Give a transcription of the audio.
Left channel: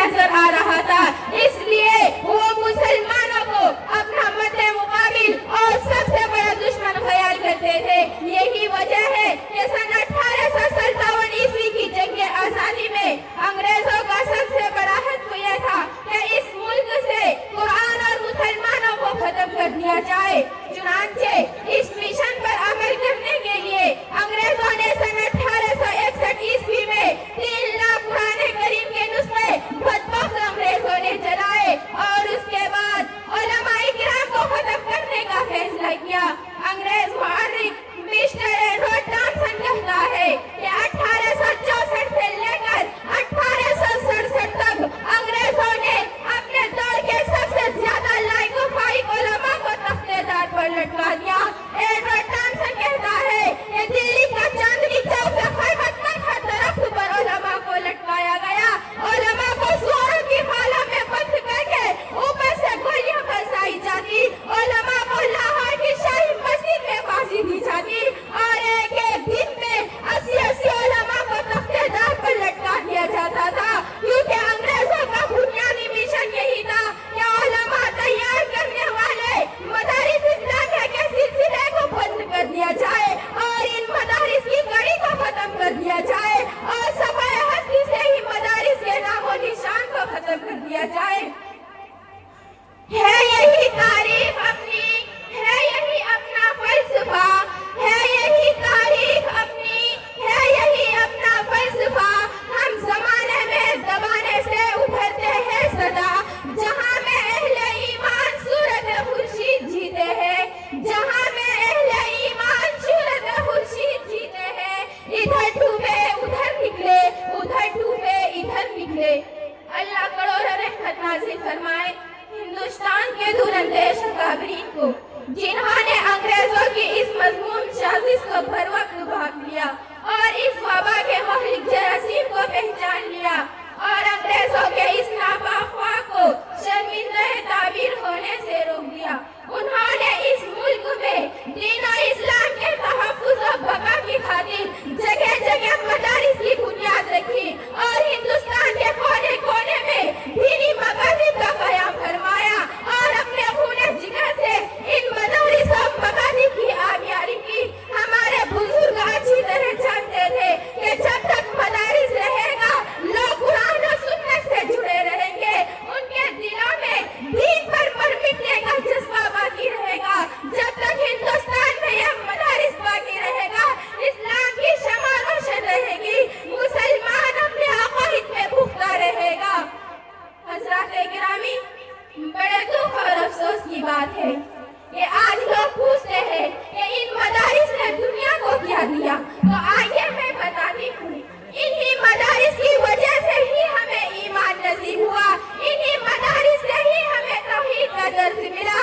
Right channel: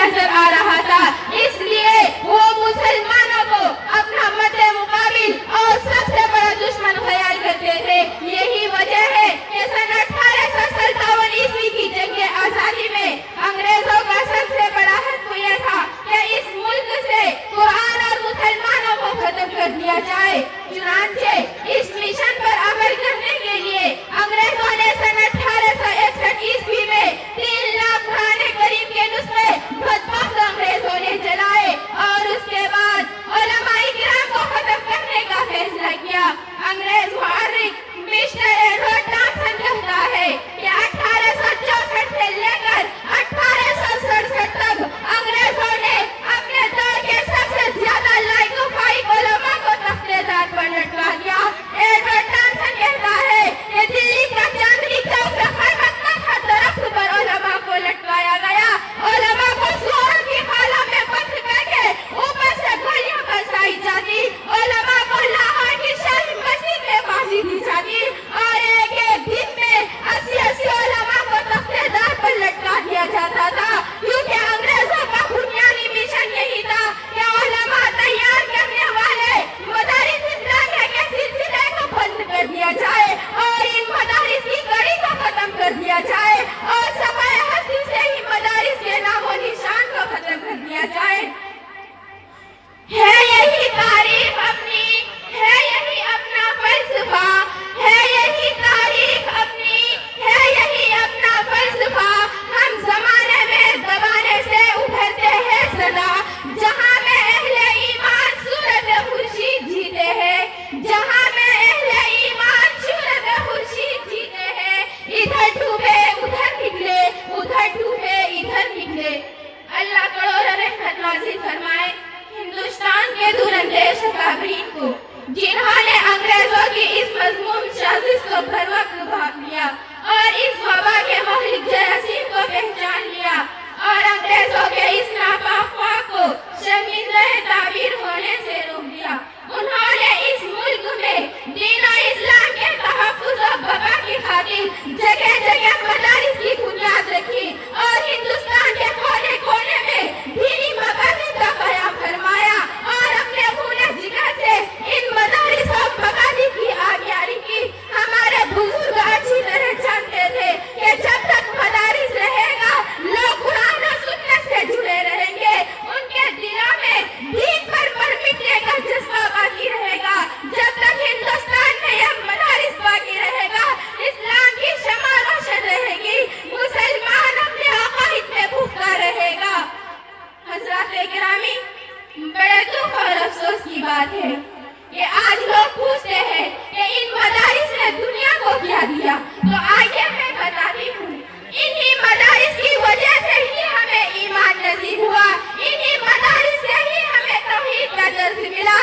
नजर आ रहा था, इसलिए वो मुसलमानों को अपना मद्दे मुकाबिल और सबसे बड़ा दुश्मन ख्याल करते थे। यही वजह है कि सन 1857 ईस्वी की जंग आजादी में अंग्रेजों का सबसे बड़ा हत्या यह था कि इस मुल्क से कुरान और मुसलमानों को खत्म कर दिया जाए। चुनांचे इस मिशन पर अमल करने के लिए अंग्रेजों ने सन 1861 ईस्वी में 3 लाख कुरान करीम के नुस्खे बदबख्त अंग्रेजों ने जलाए और उसके बाद उलमाए किराम को खत्म करने का फैसला किया। अंग्रेज मुहर्रिक मिस्टर एडवर्ड थॉमसन कहता है कि 1864 से लेकर 1867 तक अंग्रेजों ने अपने दौर के सबसे ज्यादा लायक फाइक उलमा को तख्तेदार पर लटका दिया। एडवर्ड थॉमसन कहता है कि दिल्ली का चांदनी चौक पे क़यामत का दरख्त पर उलमा को लटकाया गया। उलमा को सुअरों की खालों में बंद करके ऊपर से गोलियां बरसाई जाती। उलमा को लाहौर की शाही मस्जिद में फांसी दी जाती और एक दिन में 80 उलमा को तख्तेदार पर लटका दिया जाता था, क्योंकि अंग्रेजों का बुनियादी मिशन यही था कि उलमा तैयार करने वाले मदारिस इस्लामिया के सिलसिले को बंद कर दिया जाए और इन मदारिस की कड़ी को खत्म कर दिया जाए और सफाए हस्ती से ही मदारिस के नामो निशान को खत्म कर दिया जाए। है यही तारीख अपनी, है यही अपना फलसफा, है यही तारीख अपनी, है यही अपना फलसफा। हम जमाने में दबाने से उभरते हैं सदा, जहां में अहले ईमान सूरत खुर्शीद जीते हैं, जहां में अहले ईमान सूरत खुर्शीद जीते हैं। इधर डूबे उधर निकले, उधर डूबे इधर निकले। अल्लाह करोड़ों रहमत नाज़िल फरमाए हिंदुस्तान के दूरंदेश अकाबरीन को, जिन्होंने अंग्रेजों की इस मज़मूम साजिश को भर वक्त भाग लिया और इस वबा के महलिक जरासीम को पहचान लिया और अंग्रेजों के इस नापाक ख्वाह को शर्मिंदा ताबीर होने से रोक दिया। उन्होंने इस मुल्क में दीन और इस्लाम के तहफ़्फ़ुज़ और बका की खातिर जगह जगह मदारिस की बुनियाद रखी और हिंदुस्तान के कोने कोने में दीनी मकासद का क़याम फरमाया और अपने खूने जिगर से इन मदारिस और मकासद की आबियारी की। हमारे बुजुर्ग अच्छी तरह जानते थे कि जब तक मदारिस रहेगा लोग कुरान और सुन्नत से जुड़े रहेंगे, उनके दिलों में दीन पर मिटने का जज्बा बाकी रहेगा। जब तक हिंदुस्तान में यह मदारिस बाकी रहेगा, इस्लाम की शमा रोशन रहेगी, मुसलमान अपने अक़ाइद में पुख्ता रहेगा। हज़रात गिरामी, बड़े दुख और अफसोस की बात है कि आज लोग पूछते हैं कि इन मदारिस ने दुनिया को क्या दिया, तो आगे मैं बताती हूँ। इन्हीं मदारिस की वजह से ही हमें ईमान नसीब हुआ, इन्हीं मदारिस से ही हमें तौहीद का दर्स मिला,